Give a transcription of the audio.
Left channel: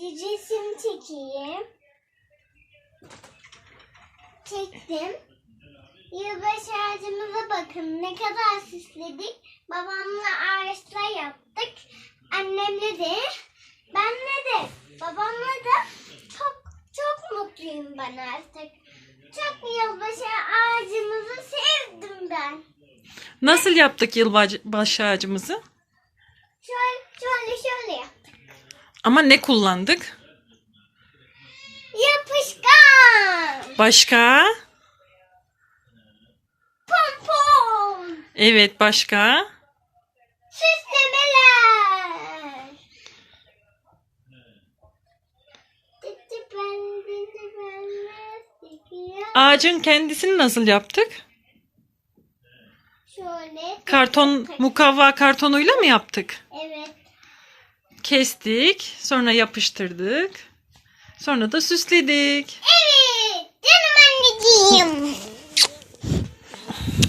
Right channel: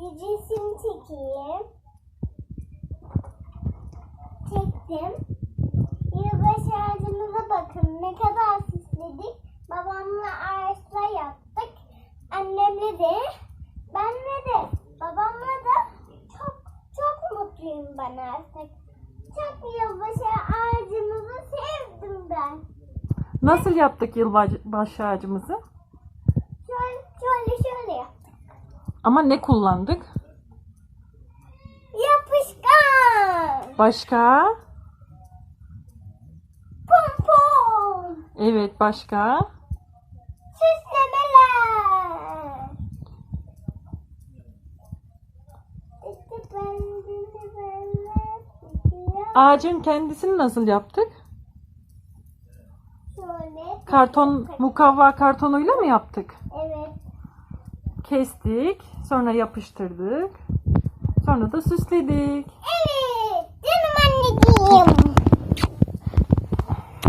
bir resim çekeyim. Çektim. Yılbaşı ağacımıza bakın ne kadar süsledik. Babamla ağaçla yaptık. Annemle de, benle de, babamla da çok çok mutluyum ben artık. Çok yılbaşı ağacımızı sevdim ben. Nasıl yaptık yılbaşı ağacımızı? Şöyle şöyle şöyle yaptık. Ama ne kullandık? Yapışkan. Başka? Pompon. Evet başka? Süslemeler. Ağacın kendisini nasıl yaptık? Şöyle. Karton, mukavva kartonuyla mı yaptık? Evet kestik. Sonra yapıştırdık. Sonra da süsledik. Evet. Canım anneciğim.